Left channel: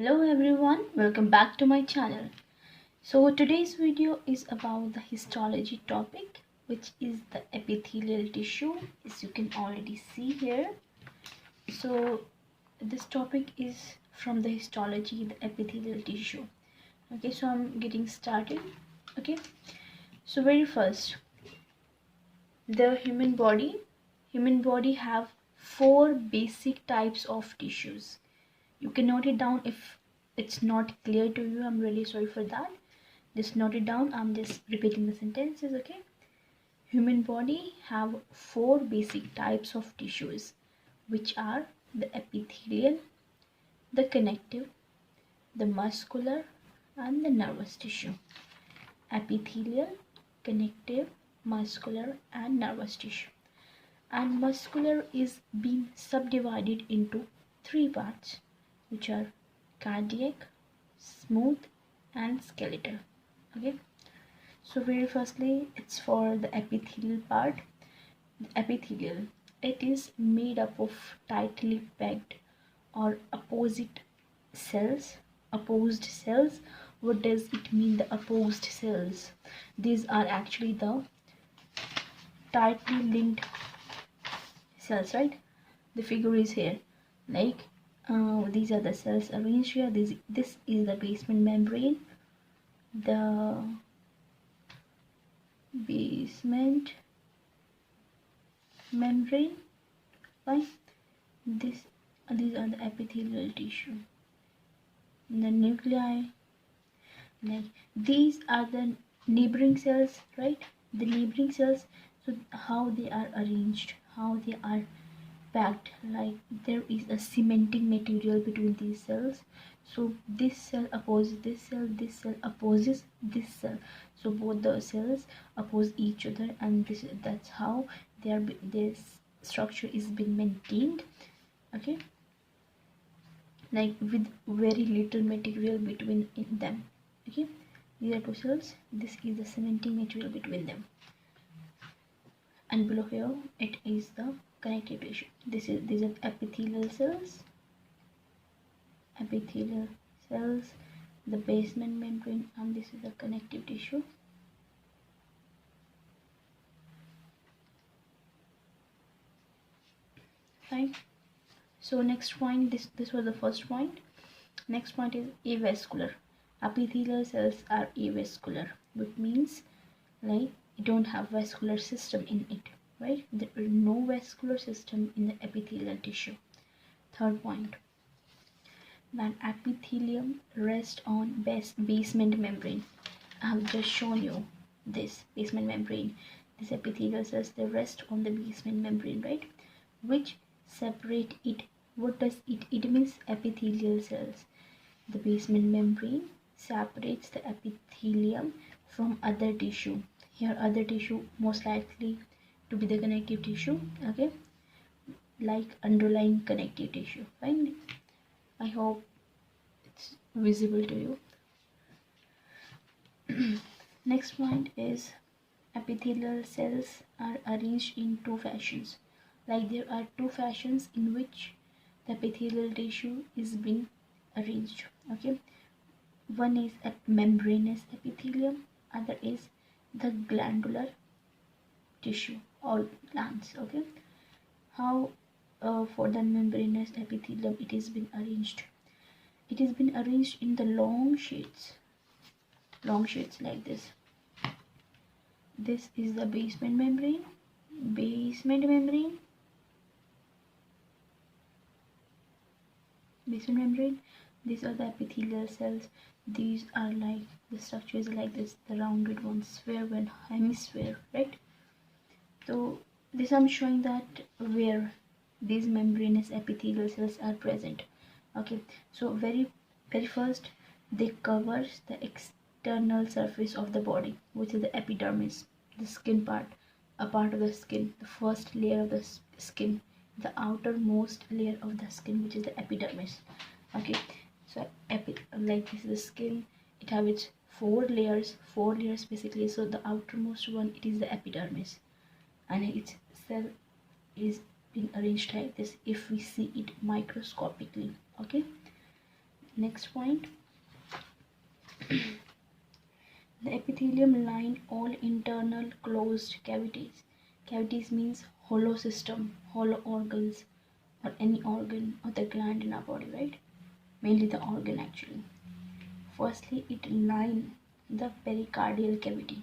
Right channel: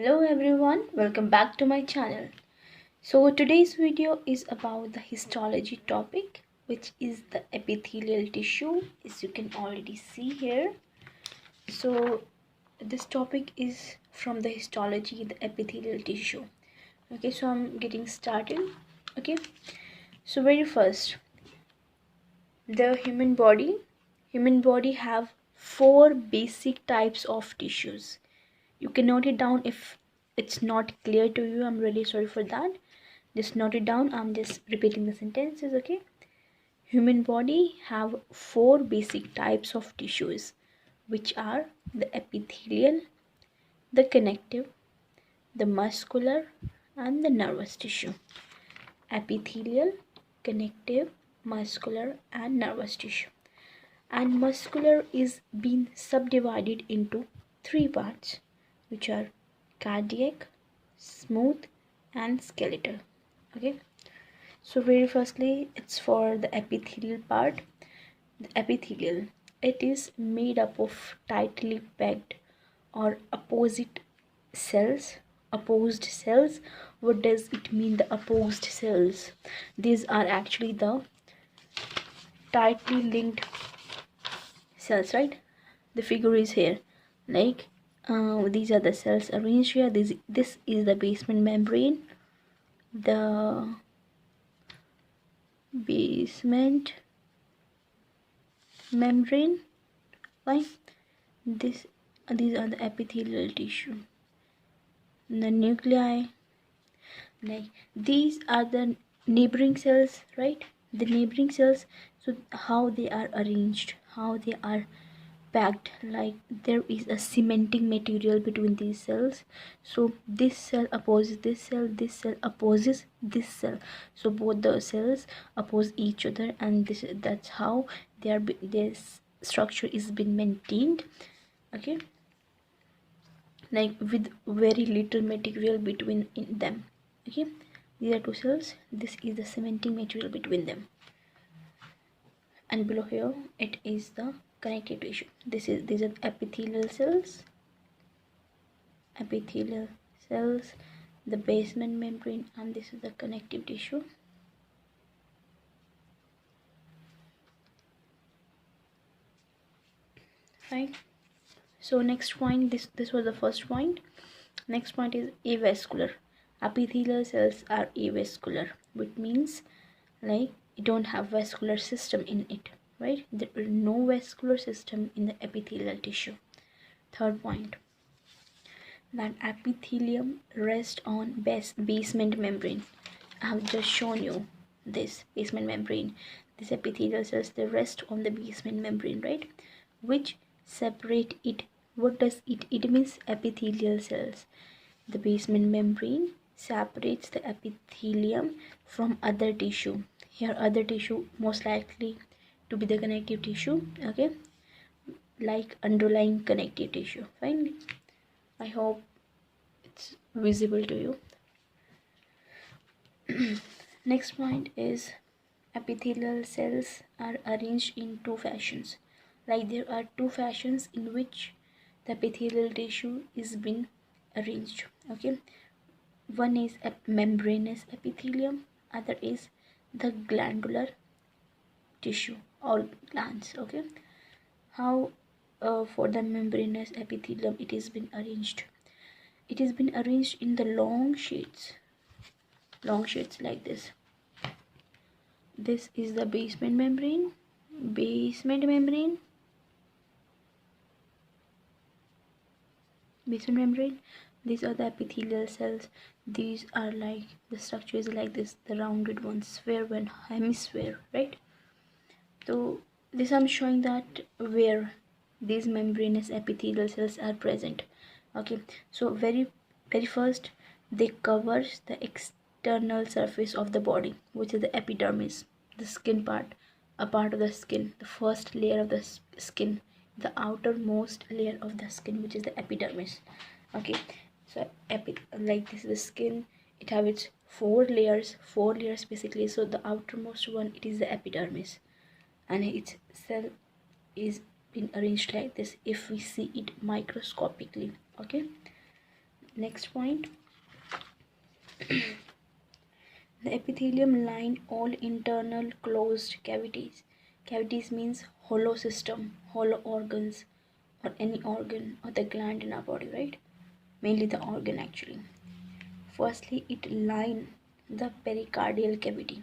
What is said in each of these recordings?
Hello everyone, welcome back to my channel. So today's video is about the histology topic, which is the epithelial tissue, as you can already see here. So this topic is from the histology, the epithelial tissue. Okay, so I'm getting started. Okay, so very first, the human body have four basic types of tissues. You can note it down if it's not clear to you. I'm really sorry for that. Just note it down. I'm just repeating the sentences. Okay, human body have four basic types of tissues, which are the epithelial, the connective, the muscular, and the nervous tissue. Epithelial, connective, muscular, and nervous tissue. And muscular is being subdivided into three parts, which are cardiac, smooth, and skeletal. Okay, so very firstly, it's for the epithelial part. The epithelial, it is made up of tightly packed or opposed cells. What does it mean, the opposed cells? These are actually the tightly linked cells, right? The figure is here, like these are the cells arranged here. This is the basement membrane, the basement membrane, right? this these are the epithelial tissue, the nuclei, like these are the neighboring cells, right? The neighboring cells. So how they are arranged, how they are packed, like there is a cementing material between these cells. So this cell opposes this cell opposes this cell, so both the cells oppose each other, and that's how this structure is being maintained. Okay, like with very little material between in them. Okay, these are two cells, this is the cementing material between them, and below here it is the connective tissue. These are epithelial cells, the basement membrane, and this is the connective tissue. Right, so next point, this was the first point. Next point is avascular. Epithelial cells are avascular, which means like you don't have vascular system in it, right? There is no vascular system in the epithelial tissue. Third point, that epithelium rests on basement membrane. I have just shown you this basement membrane. These epithelial cells, they rest on the basement membrane, right? Which separate it. What does it? It means epithelial cells. The basement membrane separates the epithelium from other tissue. Here other tissue most likely to be the connective tissue. Okay, like underlying connective tissue. Fine, I hope it's visible to you. Next point is epithelial cells are arranged in two fashions. Like there are two fashions in which the epithelial tissue is being arranged. Okay, one is a membranous epithelium, other is the glandular tissue or glands. Okay, how for the membranous epithelium it is been arranged? It has been arranged in the long sheets like this. This is the basement membrane, basement membrane, basement membrane. These are the epithelial cells. These are like the structure is like this, the rounded one, sphere one, hemisphere, right? So this I'm showing that where these membranous epithelial cells are present. Okay, so very first they covers the external surface of the body, which is the epidermis, the skin part, a part of the skin, the first layer of the skin, the outermost layer of the skin, which is the epidermis. Okay, so like this is the skin. It have its four layers basically. So the outermost one, it is the epidermis, and its cell is being arranged like this if we see it microscopically. Okay, Next point, the epithelium line all internal closed cavities. Cavities means hollow system, hollow organs, or any organ or the gland in our body, right? Mainly the organ actually. Firstly, it line the pericardial cavity.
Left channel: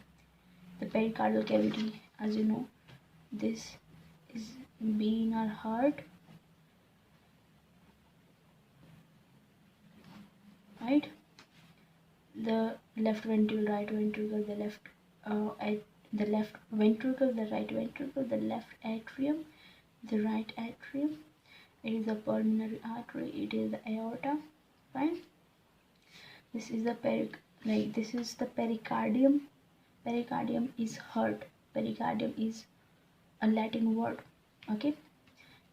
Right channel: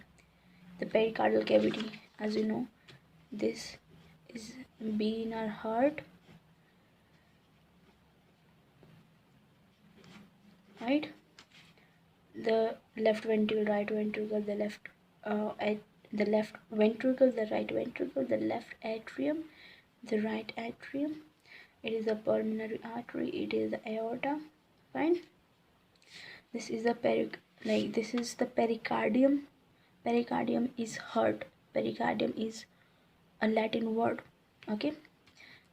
The pericardial cavity, as you know, this is being our heart, right? The left ventricle, right ventricle, the left ventricle, the right ventricle, the left atrium, the right atrium. It is the pulmonary artery. It is the aorta. Fine. This is the pericardium. Pericardium is heart. Pericardium is a Latin word. Okay.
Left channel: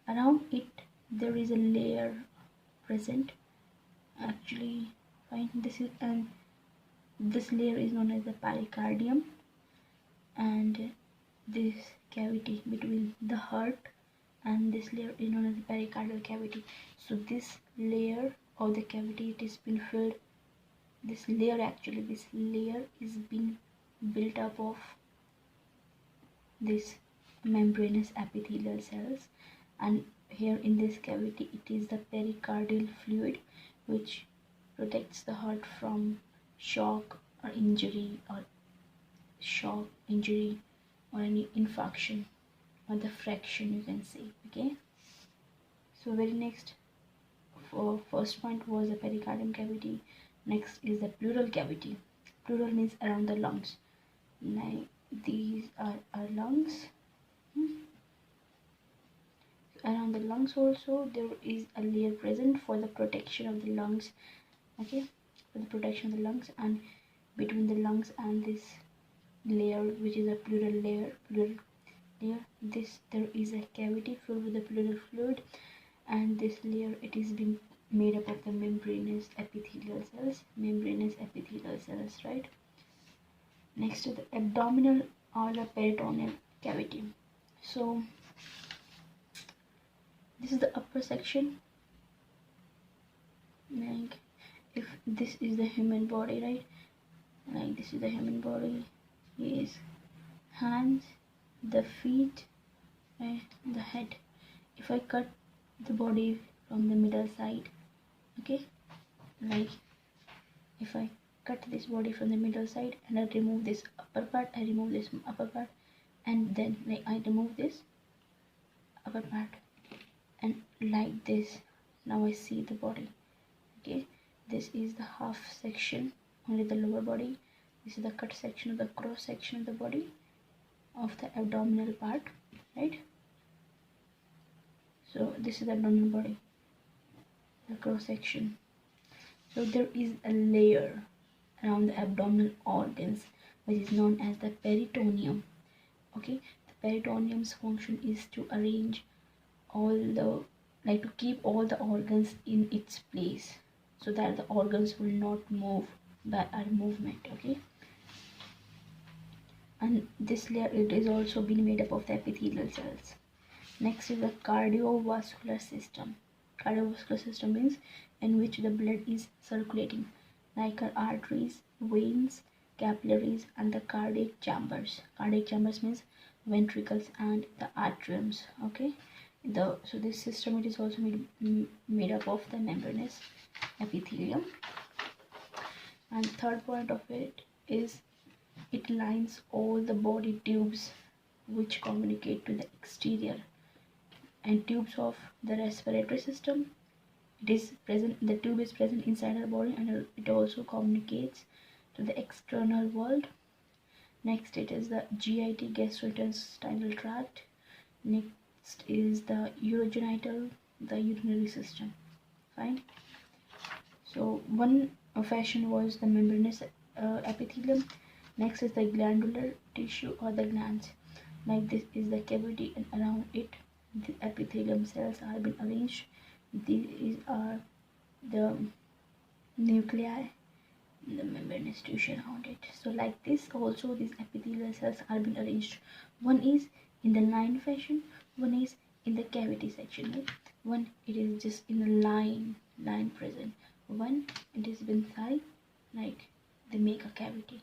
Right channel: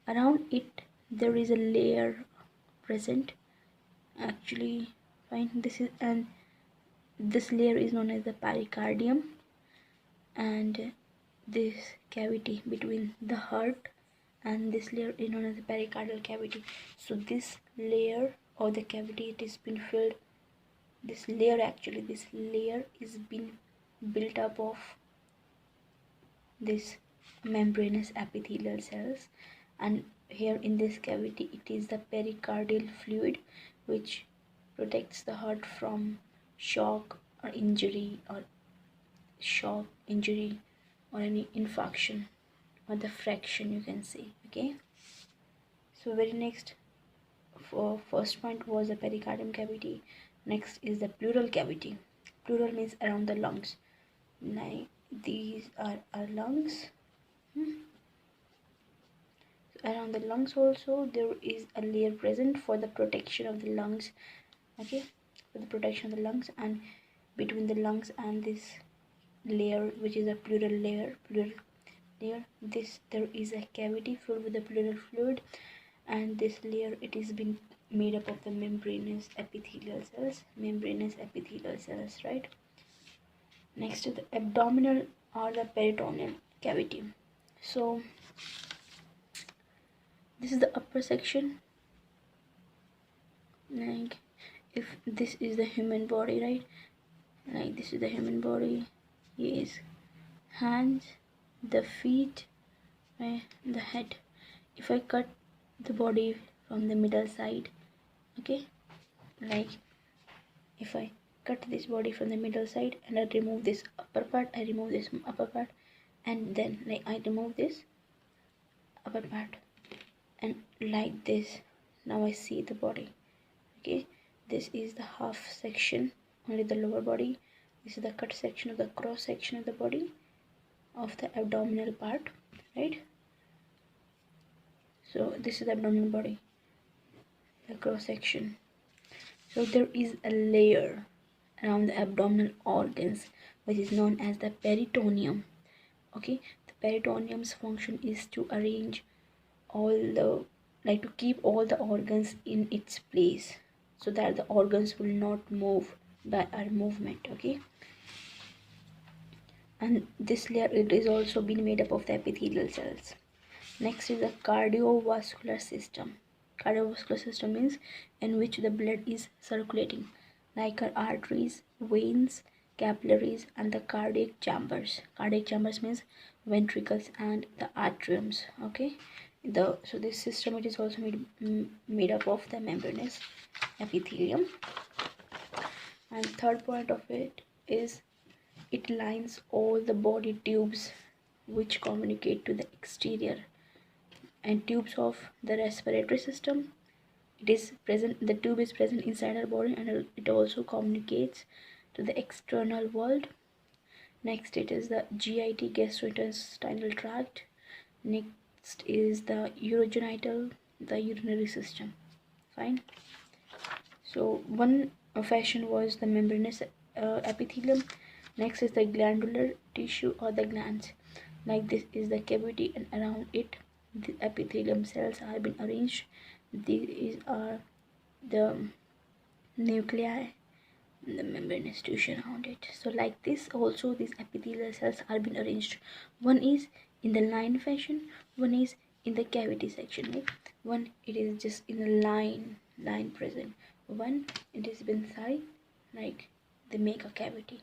Around it there is a layer present. Actually, fine. This layer is known as the pericardium, and this cavity between the heart and this layer is known as the pericardial cavity. So this layer of the cavity, it has been filled. This layer is being built up of this membranous epithelial cells, and here in this cavity it is the pericardial fluid which protects the heart from shock or injury or any infarction or the fraction, you can say. Okay, so very next, for first point was the pericardium cavity. Next is the pleural cavity. Pleural means around the lungs. Now these are our lungs. Around the lungs also there is a layer present for the protection of the lungs. Okay, for the protection of the lungs, and between the lungs and this layer, which is a pleural layer, there is a cavity filled with the pleural fluid, and this layer, it is been made up of the membranous epithelial cells, right? Next is the abdominal or the peritoneal cavity. So this is the upper section. Like if this is the human body, right? Like this is the human body. Yes, hands, the feet, right? The head. If I cut the body from the middle side, okay, like if I cut this body from the middle side and I remove this upper part, and then like I remove this upper part, and like this, now I see the body. Okay, this is the half section, only the lower body. This is the cut section of the cross section of the body of the abdominal part, right? So this is the abdominal body, the cross section. So there is a layer around the abdominal organs which is known as the peritoneum. Okay, the peritoneum's function is to arrange all the, like to keep all the organs in its place so that the organs will not move by our movement. Okay, and this layer, it is also been made up of the epithelial cells. Next is the cardiovascular system. Cardiovascular system means in which the blood is circulating, like our arteries, veins, capillaries, and the cardiac chambers. Cardiac chambers means ventricles and the atriums. Okay, so this system, it is also made up of the membranous epithelium. And third point of it is it lines all the body tubes which communicate to the exterior, and tubes of the respiratory system. It is present, the tube is present inside our body, and it also communicates to the external world. Next, it is the GIT, gastrointestinal tract. Next is the urogenital, the urinary system. Fine. So one fashion was the membranous epithelium. Next is the glandular tissue or the glands. Like this is the cavity, and around it the epithelium cells have been arranged. These are the nuclei, the membranous tissue around it. So like this also these epithelial cells are been arranged. One is in the line fashion, one is in the cavity section. Right? One, it is just in a line present. when it is inside, like they make a cavity.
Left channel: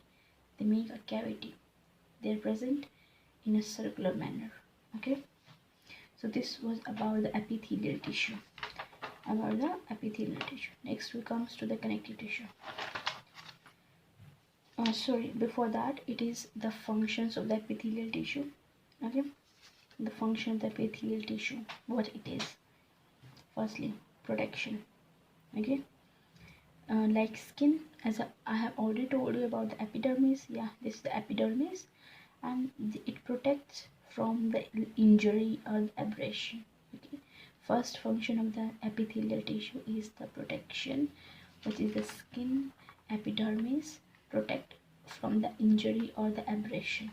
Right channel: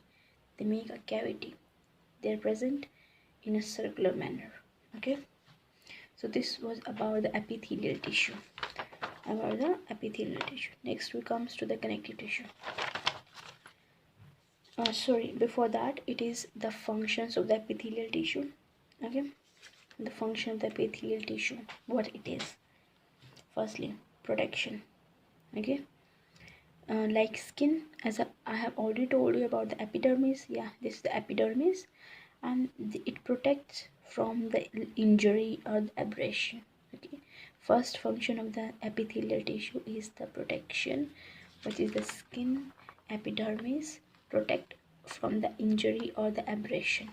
They're present in a circular manner. Okay, so this was about the epithelial tissue. Next we comes to the connective tissue. Before that, it is the functions of the epithelial tissue. Okay, the function of the epithelial tissue, what it is. Firstly, protection. Okay, like skin, as I have already told you about the epidermis. Yeah, this is the epidermis, and it protects from the injury or the abrasion. Okay, first function of the epithelial tissue is the protection, which is the skin, epidermis, protect from the injury or the abrasion.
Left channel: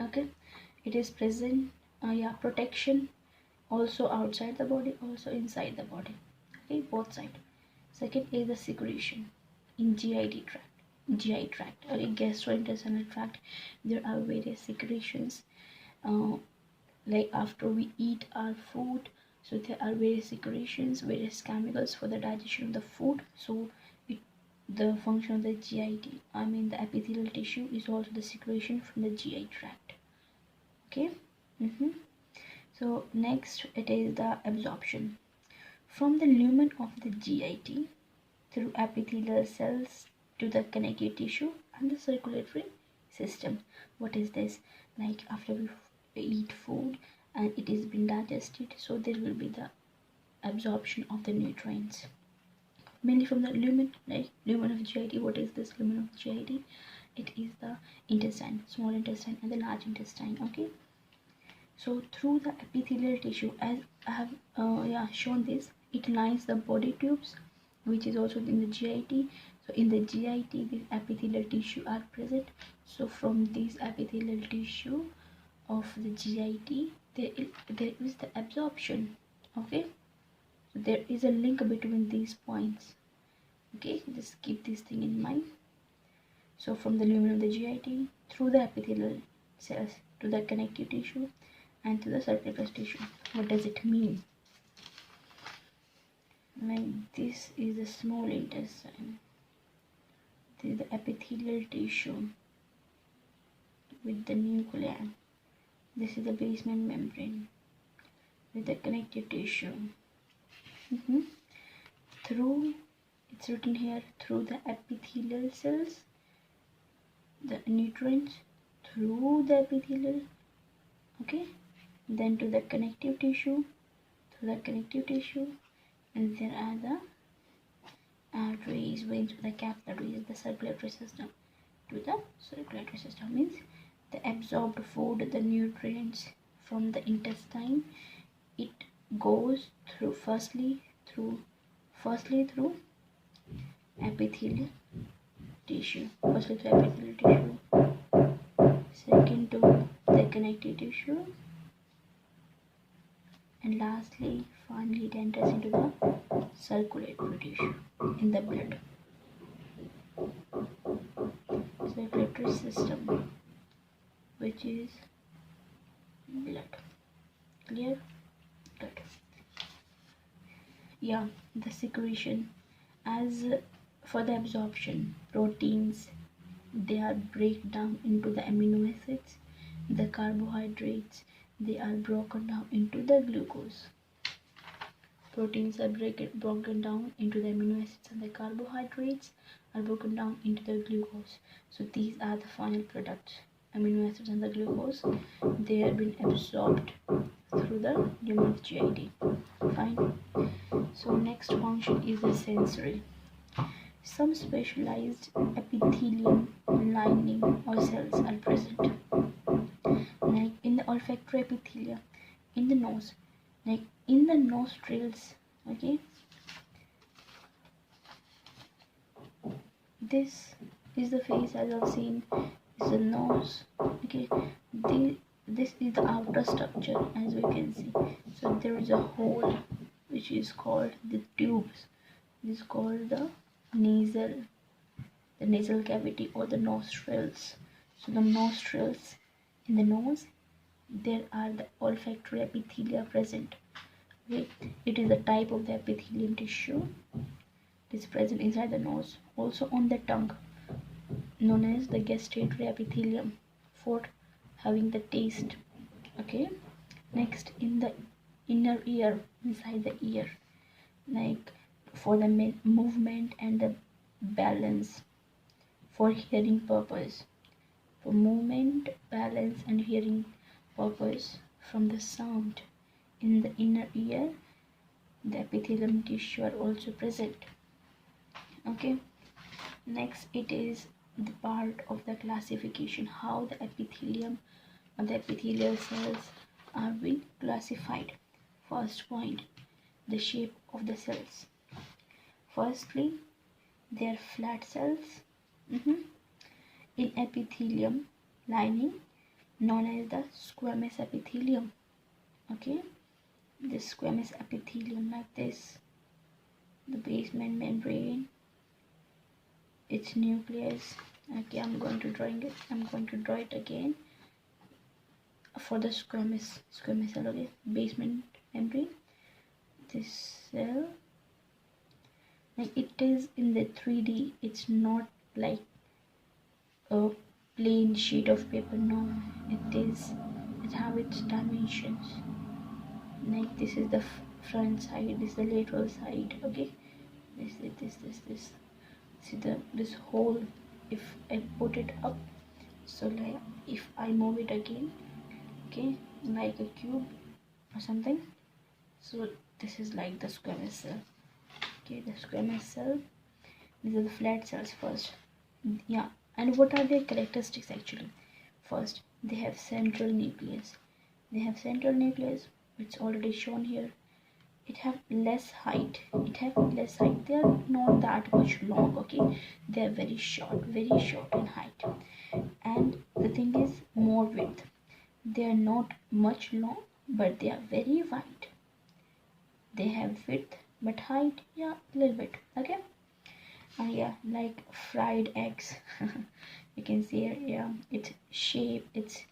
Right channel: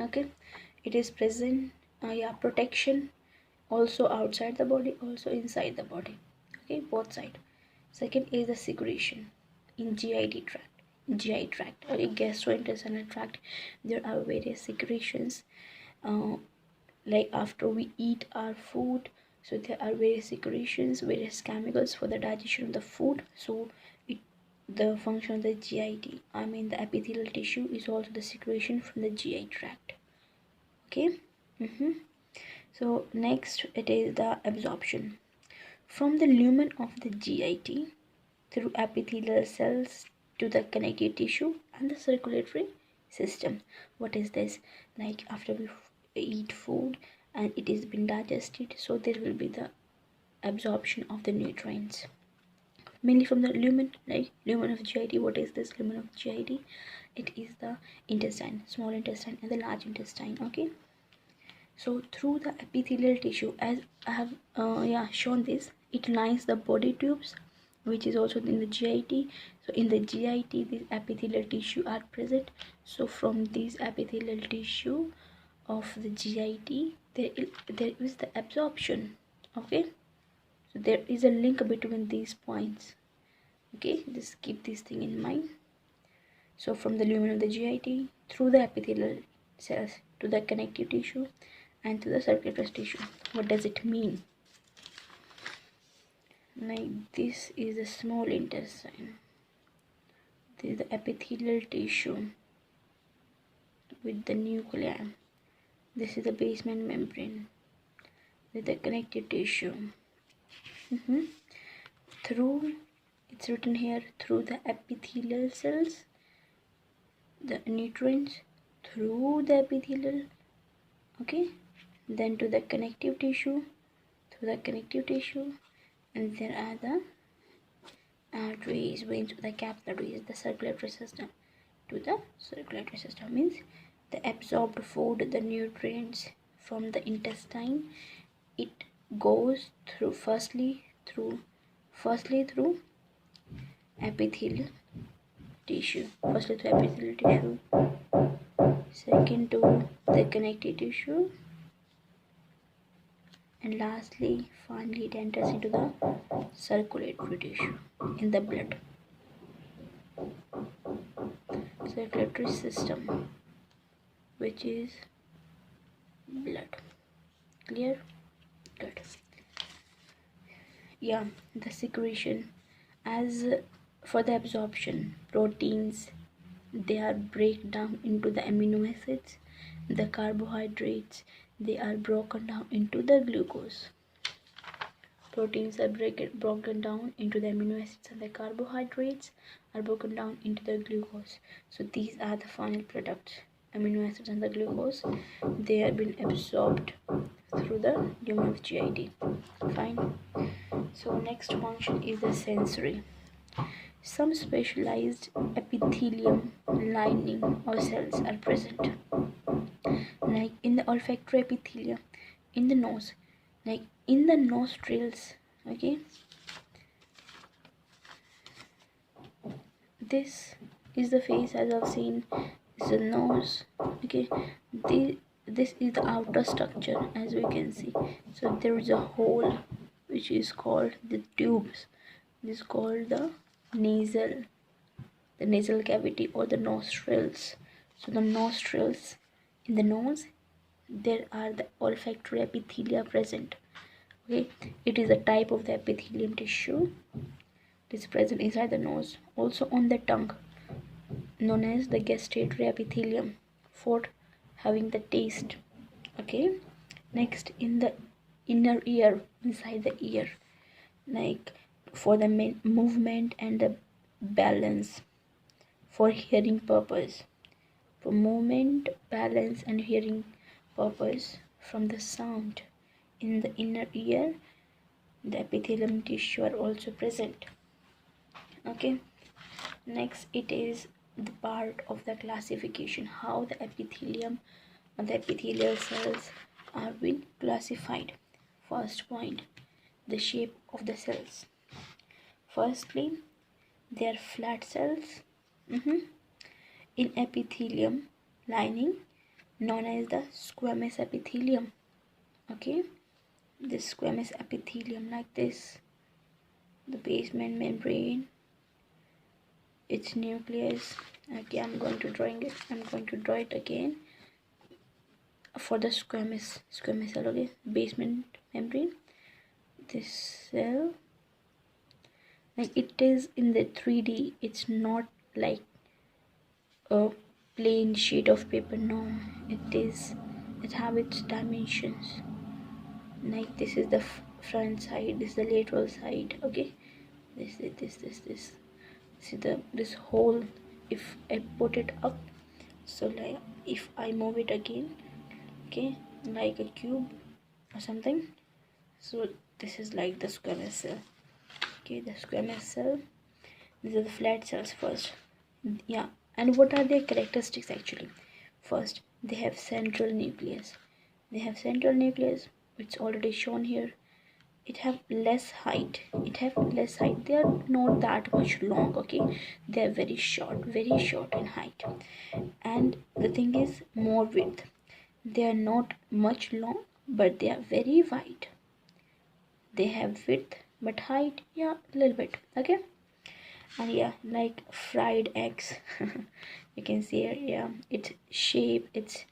Okay, it is present, protection also outside the body, also inside the body. Okay, both side. Second is the secretion in GI tract or gastrointestinal tract. There are various secretions, like after we eat our food, so there are various secretions, various chemicals for the digestion of the food. So the function of the GIT, the epithelial tissue, is also the secretion from the GI tract. Okay. So next it is the absorption from the lumen of the GIT through epithelial cells to the connective tissue and the circulatory system. What is this? Like after we eat food and it is been digested, so there will be the absorption of the nutrients, mainly from the lumen, like lumen of GIT. What is this lumen of GIT? It is the intestine, small intestine and the large intestine. Okay, so through the epithelial tissue, as I have shown this, it lines the body tubes, which is also in the GIT. So in the GIT, these epithelial tissue are present. So from this epithelial tissue of the GIT, there is the absorption. Okay, so there is a link between these points. Okay, just keep this thing in mind. So from the lumen of the GIT through the epithelial cells to the connective tissue and to the circulatory tissue. What does it mean? Like this is the small intestine, this is the epithelial tissue with the nuclei, this is the basement membrane with the connective tissue. Through, it's written here, through the epithelial cells, the nutrients through the epithelial, okay, then to the connective tissue, through the connective tissue, and there are the arteries, veins, the capillaries, the circulatory system. To the circulatory system means the absorbed food, the nutrients from the intestine, it goes through firstly through epithelial tissue, second to the connective tissue, and lastly finally it enters into the circulatory tissue in the blood, circulatory system, which is blood. Clear? Good. Yeah, the secretion. As for the absorption, proteins, they are break down into the amino acids, the carbohydrates, they are broken down into the glucose. Proteins are broken down into the amino acids, and the carbohydrates are broken down into the glucose. So these are the final products, amino acids and the glucose. They have been absorbed through the lumen of GIT. Fine. So next function is the sensory. Some specialized epithelium lining or cells are present, like in the olfactory epithelium, in the nose, like in the nostrils. Okay, this is the face, as I've seen, is the nose. Okay, this is the outer structure, as we can see. So there is a hole which is called the tubes. This is called the nasal cavity or the nostrils. So the nostrils, in the nose, there are the olfactory epithelia present. Okay, it is a type of the epithelium tissue It is present inside the nose, also on the tongue, known as the gustatory epithelium, for having the taste. Okay, next in the inner ear, inside the ear, like for the movement and the balance, for hearing purpose, for movement, balance and hearing purpose from the sound. In the inner ear, the epithelium tissue are also present. Okay, next it is the part of the classification, how the epithelium or the epithelial cells are being classified. First point, the shape of the cells. Firstly, they are flat cells in epithelium lining, known as the squamous epithelium. Okay, this squamous epithelium like this, the basement membrane, its nucleus. Okay, I'm going to draw it again for the squamous cell. Okay, basement membrane, this cell, like it is in the 3D. It's not like a plain sheet of paper. No, it have its dimensions. Like this is the front side, this is the lateral side. Okay, this see this hole. If I put it up, so like if I move it again, okay, like a cube or something, so this is like the squamous cell. Okay, the squamous cell, these are the flat cells first. Yeah, and what are their characteristics actually? First, they have central nucleus. It's already shown here. It have less height. They are not that much long. Okay, they are very short in height. And the thing is more width. They are not much long, but they are very wide. They have width but height, yeah, a little bit. Okay, and yeah, like fried eggs. You can see here, yeah, it's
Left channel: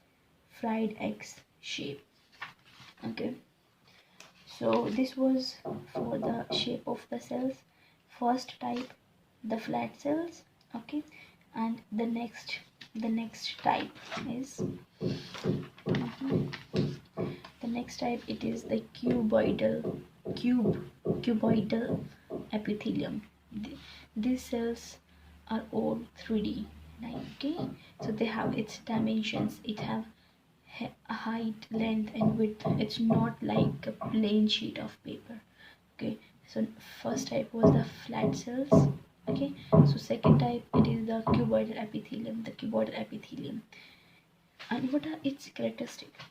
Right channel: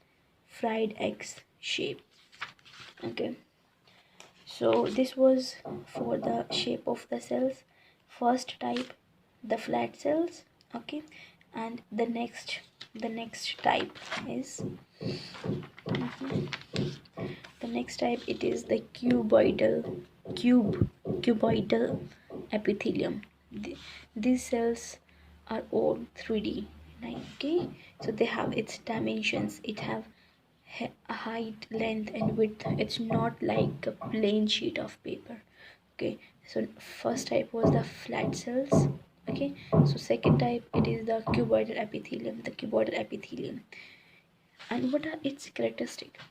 fried eggs shape. Okay, so this was for the shape of the cells. First type, the flat cells. Okay, and the next type is it is the cuboidal epithelium. These cells are all 3D. Okay, so they have its dimensions. It have height, length and width. It's not like a plain sheet of paper. Okay, so first type was the flat cells. Okay, so second type, it is the cuboidal epithelium. And what are its characteristics?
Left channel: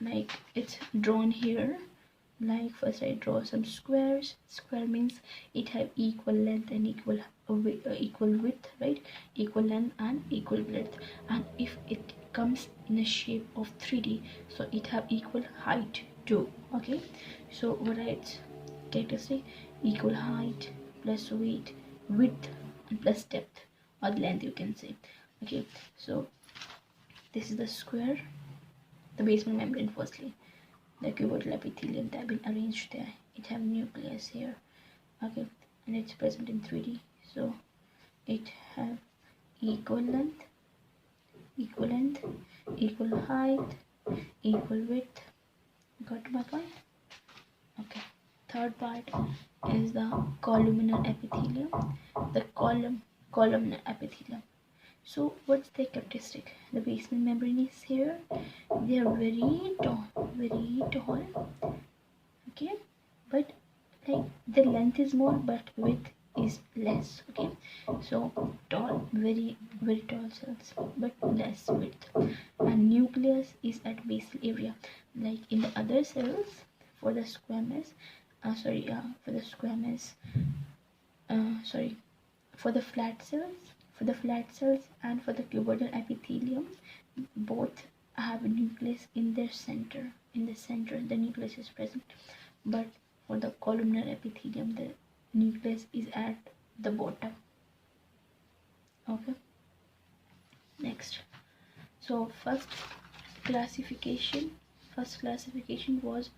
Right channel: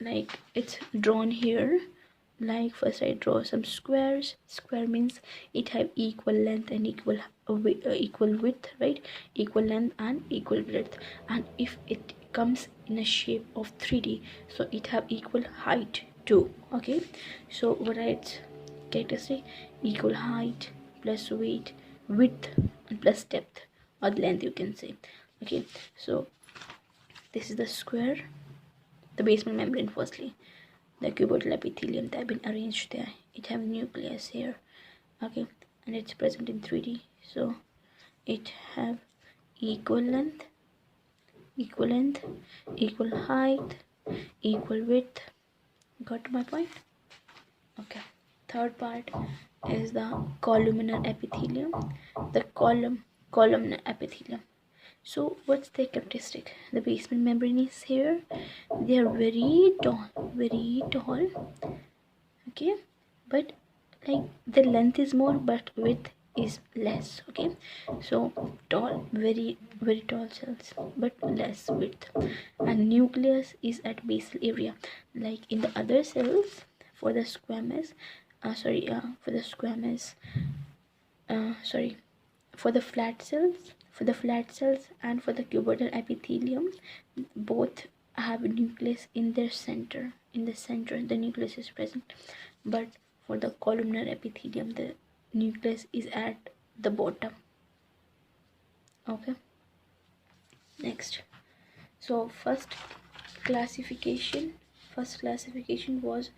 Like it's drawn here. Like first I draw some squares. Square means it have equal length and equal width, right? Equal length and equal width. And if it comes in a shape of 3D, so it have equal height too. Okay, so what are its characteristics? Equal height plus width and plus depth or length, you can say. Okay, so this is the square, the basement membrane. Firstly, the cuboidal epithelium, they have been arranged there. It have nucleus here. Okay, and it's present in 3D. So it have equal length, equal height, equal width. Got my point? Okay. Third part is the columnar epithelium. The columnar epithelium. So what's the characteristic? The basement membrane is here. They are very tall. Okay, but like the length is more, but width is less. Okay, so tall, very tall cells, but less width. And nucleus is at basal area, like in the other cells. For the squamous, for the flat cells and for the cuboidal epithelium, both have a nucleus in their center. In the center, the nucleus is present. But for the columnar epithelium, the nucleus is at the bottom. Okay, next. So first classification was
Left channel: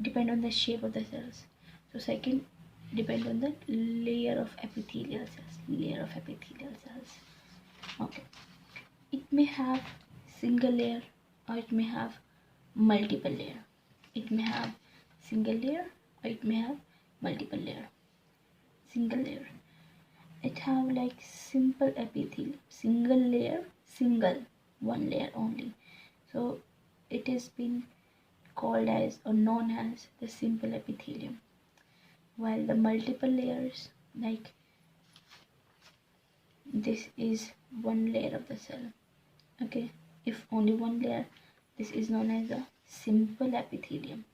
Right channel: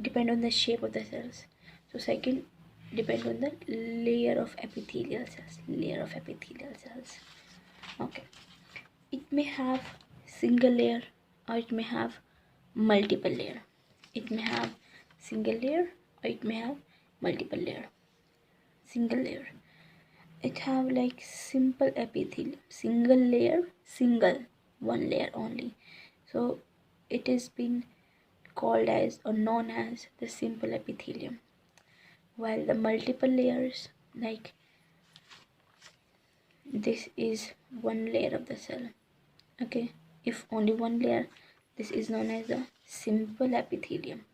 depend on the shape of the cells. So second, depend on the layer of epithelial cells. Okay, it may have single layer or it may have multiple layer. It may have single layer or it may have multiple layer. Single layer, it have like simple epithelium. Single layer, one layer only, so it is been called as or known as the simple epithelium, while the multiple layers, like this is one layer of the cell. Okay, if only one layer, this is known as the simple epithelium.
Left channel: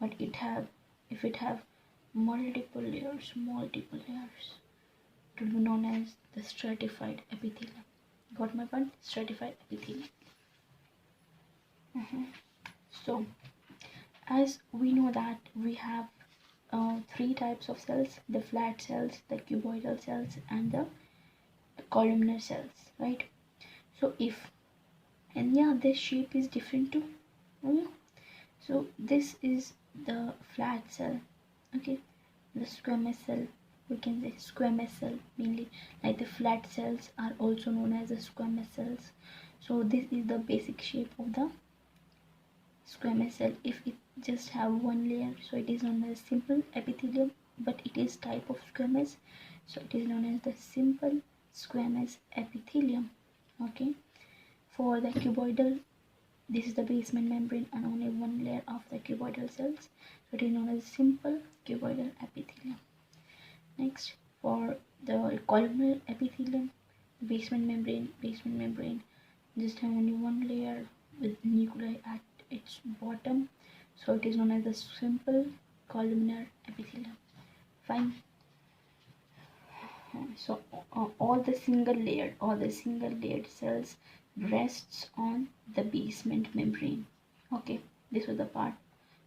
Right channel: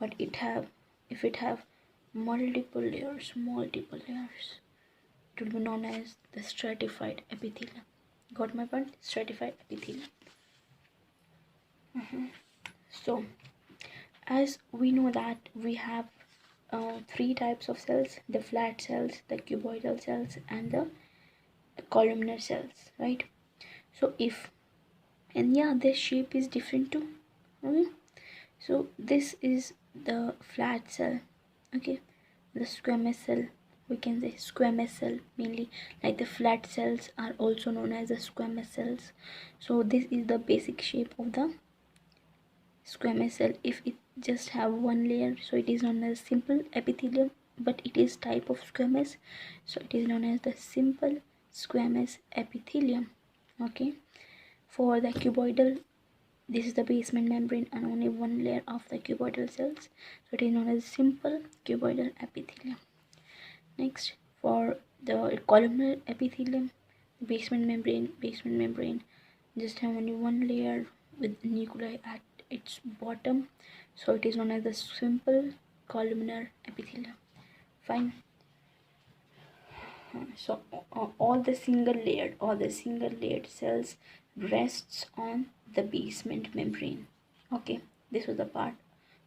But if it have multiple layers, it will be known as the stratified epithelium. Got my point? Stratified epithelium. So as we know that we have three types of cells: the flat cells, the cuboidal cells, and the columnar cells, right? So if, and yeah, their shape is different too. So this is the flat cell. Okay, the squamous cell, we can say squamous cell mainly, like the flat cells are also known as the squamous cells. So this is the basic shape of the squamous cell. If it just have one layer, so it is known as simple epithelium, but it is type of squamous, so it is known as the simple squamous epithelium. Okay, for the cuboidal, this is the basement membrane and only one layer of the cuboidal cells, so it is known as simple cuboidal epithelium. Next, for the columnar epithelium, basement membrane just have only one layer with nuclei at its bottom, so it is known as the simple columnar epithelium. Fine. So all the single layered cells rests on the basement membrane. Okay, this was the part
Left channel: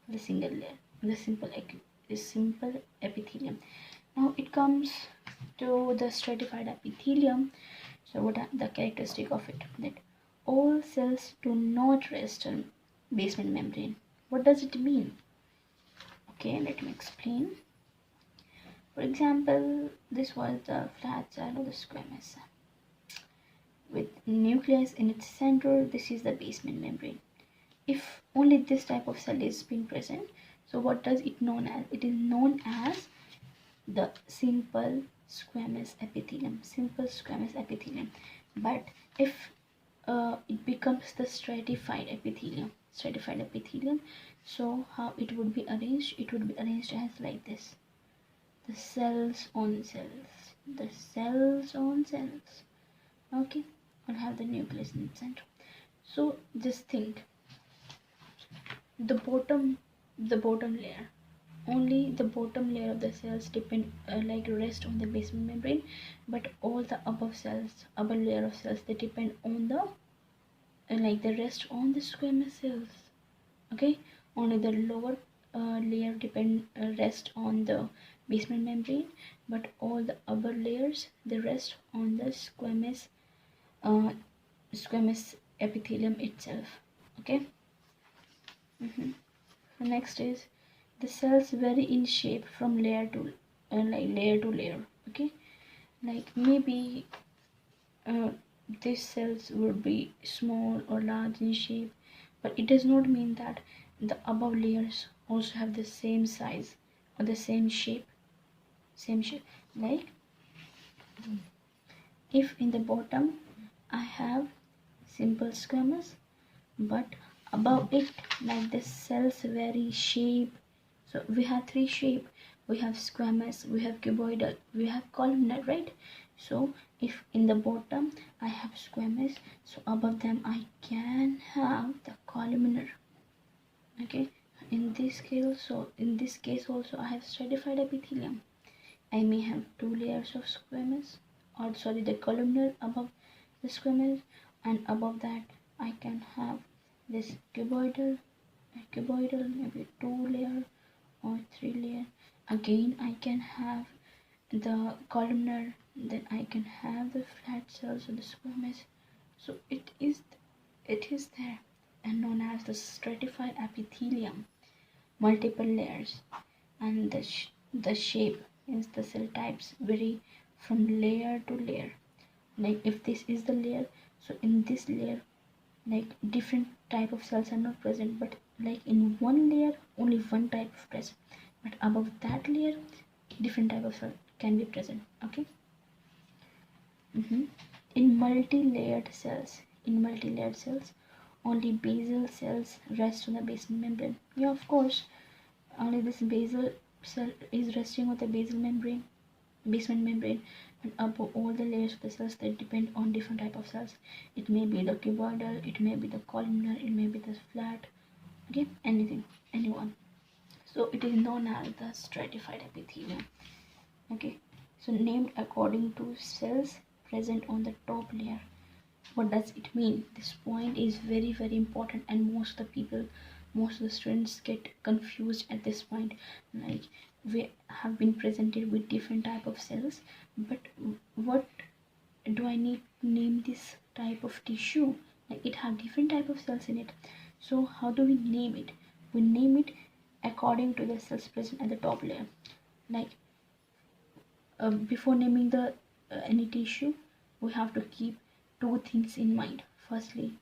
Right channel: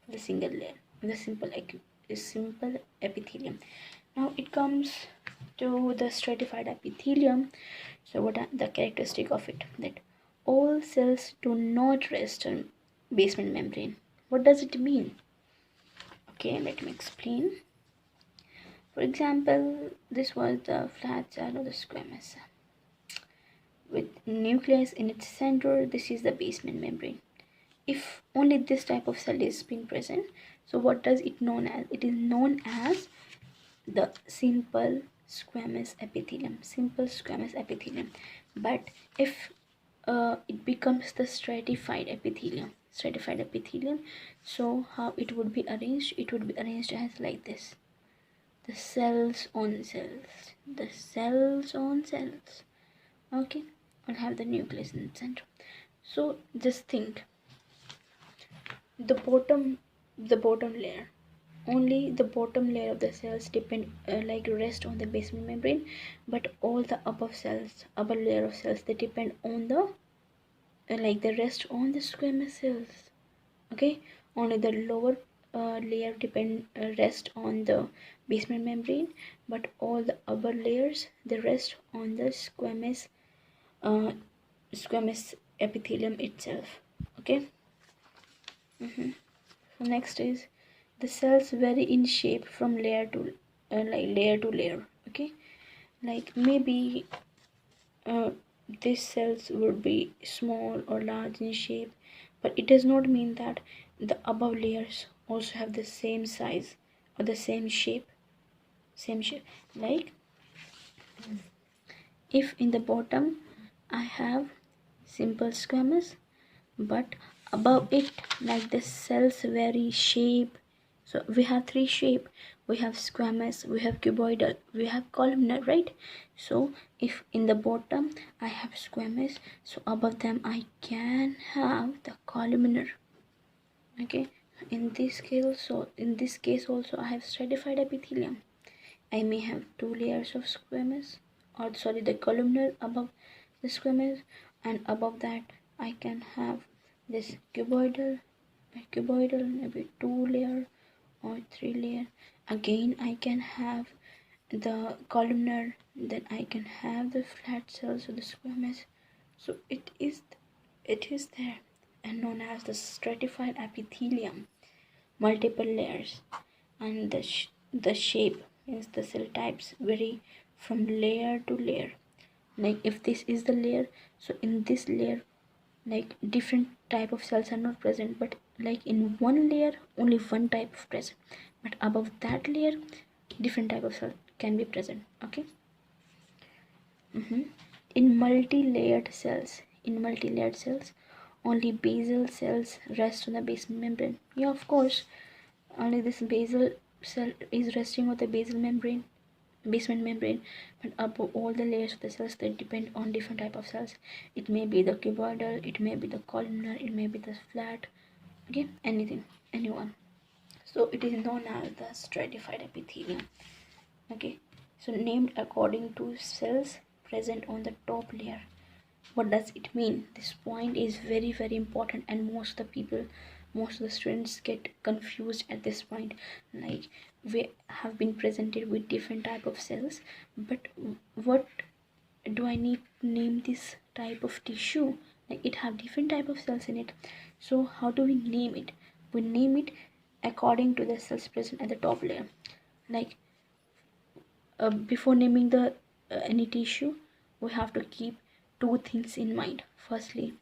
of the single layer, the simple epithelium. Now it comes to the stratified epithelium. So what are the characteristic of it? That all cells do not rest on basement membrane. What does it mean? Okay, let me explain. For example, this was the flat cell or the squamous cell with nucleus in its center. This is the basement membrane. If only this type of cell is being present, so what does it known as? It is known as the simple squamous epithelium. But if it becomes the stratified epithelium, so how it would be arranged? It would be arranged as like this: the cells on cells. Okay, and have the nucleus in the center. So just think, the bottom layer, only the bottom layer of the cells depend like rest on the basement membrane, but all the upper layer of cells, they depend on the like the rest on the squamous cells. Okay, only the lower layer depend rest on the basement membrane, but all the upper layers, they rest on the uh, squamous epithelium itself. Okay. So next is the cells vary in shape from layer to layer. Okay, like maybe these cells would be small or large in shape, but it does not mean that the above layers also have the same size or the same shape. Like if in the bottom I have simple squamous, but above it, like the cells vary shape. So we have three shape: we have squamous, we have cuboidal, we have columnar, right? So if in the bottom I have squamous, so above them I can have the columnar. Okay, in this case also I have stratified epithelium. I may have two layers of squamous, or sorry, the columnar above the squamous, and above that I can have this cuboidal, maybe two layer or three layer. Again I can have the columnar, then I can have the flat cells or the squamous. So it is there and known as the stratified epithelium, multiple layers, and the shape Hence the cell types vary from layer to layer. Like if this is the layer, so in this layer like different type of cells are not present, but like in one layer only one type of present, but above that layer different type of cell can be present. Okay. In multi-layered cells only basal cells rest on the basement membrane. Yeah, of course, only this basal cell is resting on the basement membrane, but above all the layers of the cells that depend on different type of cells. It may be the cuboidal, it may be the columnar, it may be the flat. Okay, anyone. So it is known as the stratified epithelium. Okay, so named according to cells present on the top layer. What does it mean? This point is very important, and most of the students get confused at this point. Like we have been presented with different type of cells, but what do I need to name this type of tissue? Like it have different type of cells in it, so how do we name it? We name it according to the cells present at the top layer. Like before naming the any tissue, we have to keep two things in mind. Firstly,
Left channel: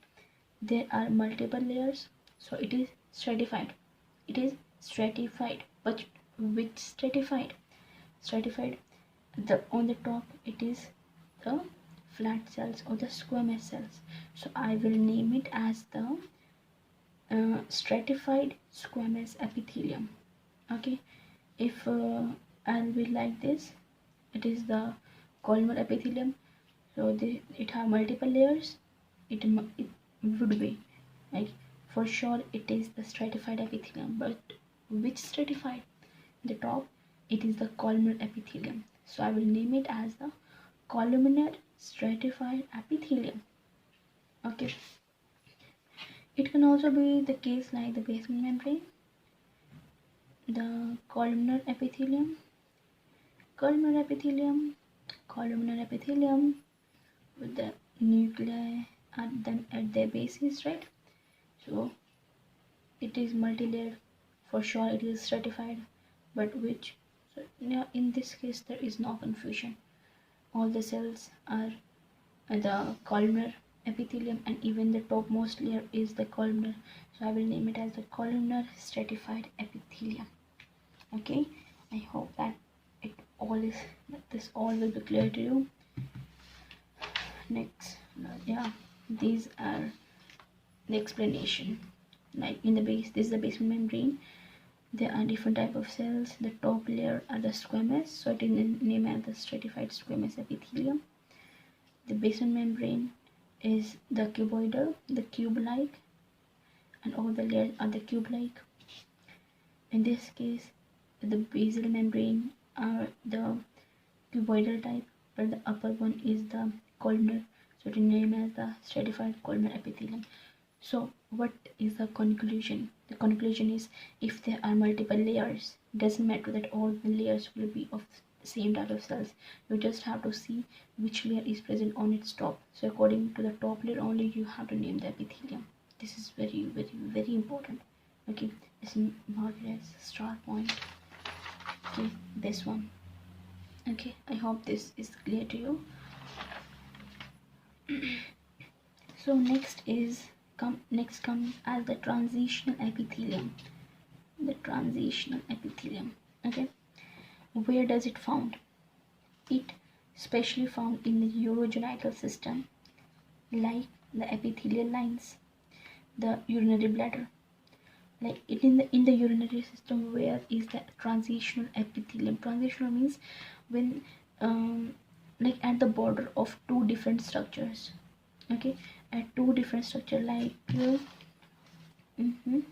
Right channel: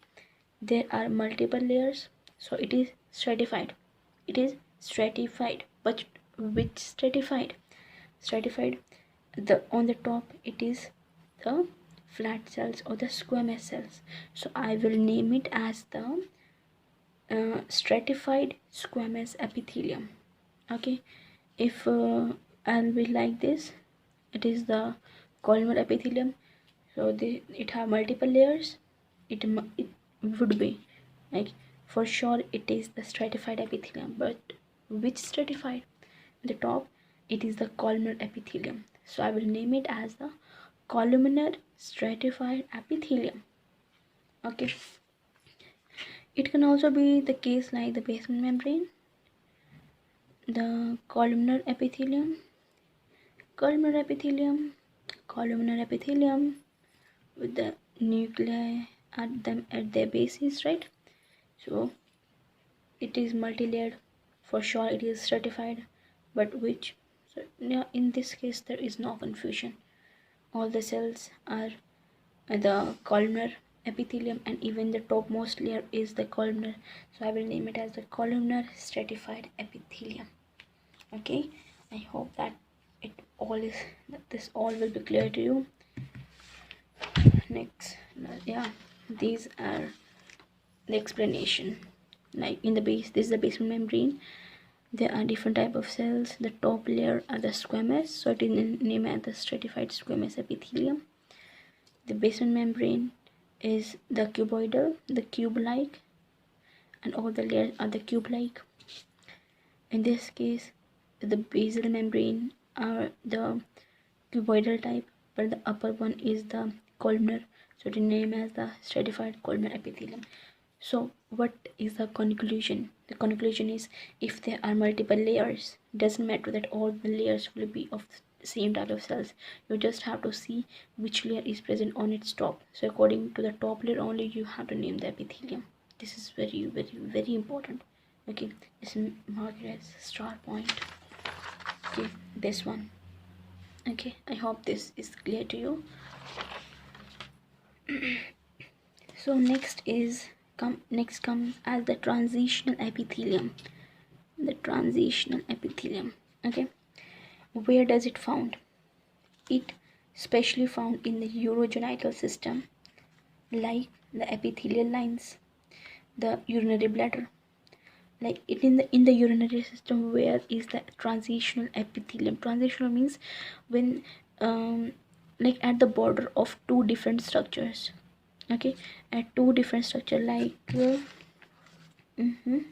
there are multiple layers, so it is stratified. But which stratified? Stratified, the on the top it is the flat cells or the squamous cells, so I will name it as the stratified squamous epithelium. Okay, if I'll be like this, it is the columnar epithelium, so it have multiple layers. It would be like, for sure it is the stratified epithelium, but which stratified? The top it is the columnar epithelium, so I will name it as the columnar stratified epithelium. Okay, it can also be the case like the basement membrane, the columnar epithelium, columnar epithelium, columnar epithelium with the nuclei at them at their bases, right? So it is multi-layered. For sure it is stratified, but which? So yeah, in this case there is no confusion. All the cells are the columnar epithelium, and even the topmost layer is the columnar, so I will name it as the columnar stratified epithelium. Okay, I hope that this all will be clear to you. Next, yeah, these are the explanation. Like in the base, this is the basement membrane. There are different type of cells. The top layer are the squamous, so it is named as the stratified squamous epithelium. The basement membrane is the cuboidal, the cube-like, and all the layers are the cube-like. In this case, the basal membrane are the cuboidal type, but the upper one is the columnar, so it is named as the stratified columnar epithelium. So what is the conclusion? The conclusion is, if there are multiple layers, doesn't matter that all the layers will be of the same type of cells. You just have to see which layer is present on its top. So according to the top layer only, you have to name the epithelium. This is very important. Okay, it's marked as star point. Okay, this one. Okay, I hope this is clear to you. So next comes as the transitional epithelium. The transitional epithelium. Okay, where does it found? It specially found in the urogenital system, like the epithelial lines, the urinary bladder. Like it in the urinary system, where is the transitional epithelium? Transitional means when like at the border of two different structures. Okay, at two different structure, like in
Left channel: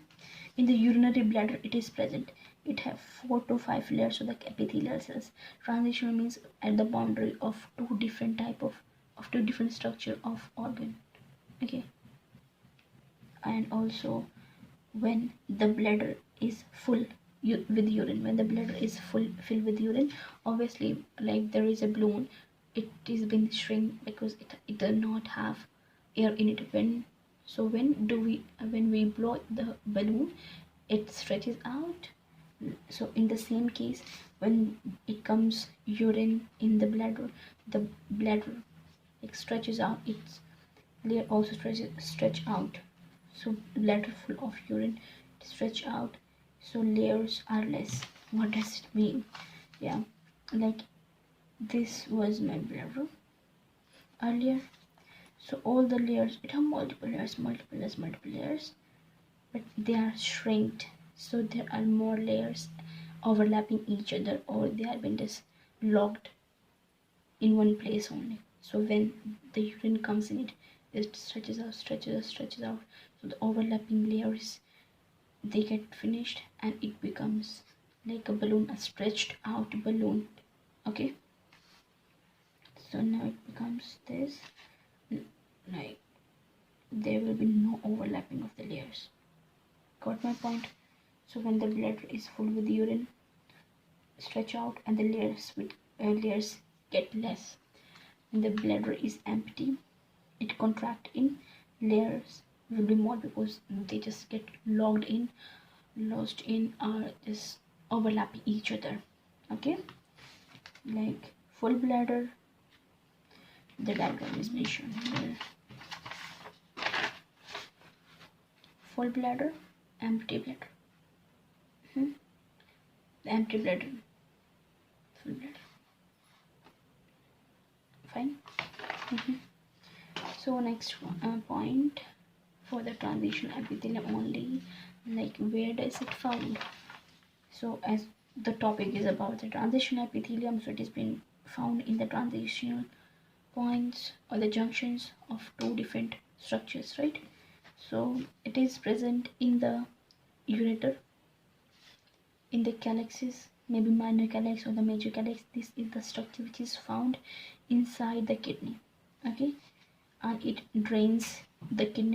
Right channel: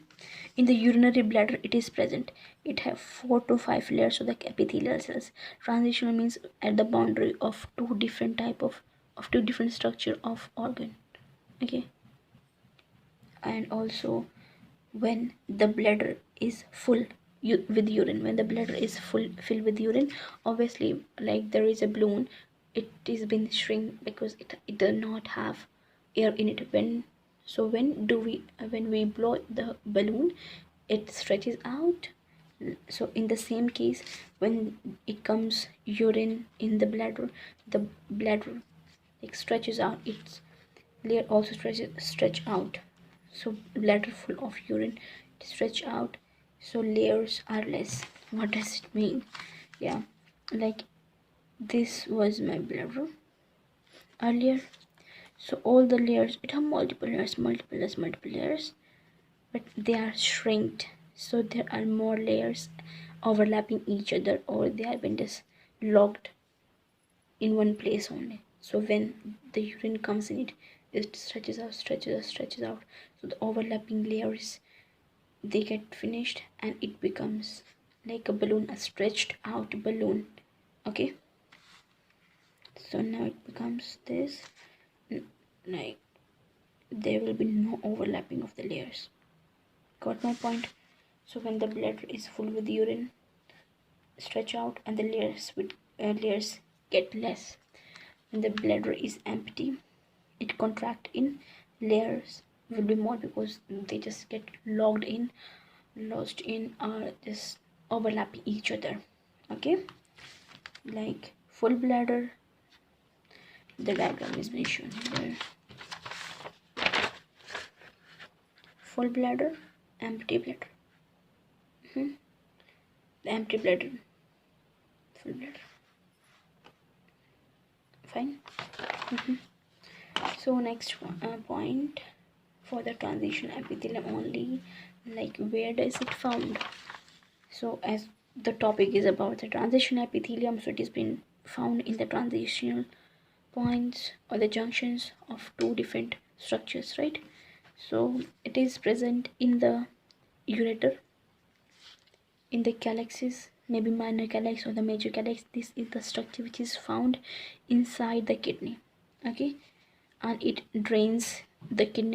the urinary bladder it is present. It have 4 to 5 layers of the epithelial cells. Transitional means at the boundary of two different structure of organ. Okay, and also when the bladder is full with urine, when the bladder is filled with urine, obviously like there is a balloon, it is been shrink because it does not have air in it. When we blow the balloon, it stretches out, So in the same case, when it comes urine in the bladder like stretches out, its layer also stretch out. So bladder full of urine stretch out, so layers are less. What does it mean? Yeah, like this was my bladder earlier. So all the layers, it have multiple layers, but they are shrinked. So there are more layers overlapping each other, or they have been just locked in one place only. So when the urine comes in, it stretches out. So the overlapping layers, they get finished and it becomes like a balloon, a stretched out balloon. Okay, so now it becomes this, like there will be no overlapping of the layers. Got my point? So when the bladder is full with urine, stretch out and the layers get less. When the bladder is empty, it contract in, layers will be more because they just get lost in, or just overlapping each other. Okay, like full bladder, the diagram is being shown here. Full bladder, empty bladder. The empty bladder, full bladder. Fine. So next point for the transition epithelium only, like where does it found? So as the topic is about the transition epithelium, so it is been found in the transitional points or the junctions of two different structures, right? So it is present in the ureter, in the calyxes, maybe minor calyx or the major calyx. This is the structure which is found inside the kidney. Okay, and it drains the kidney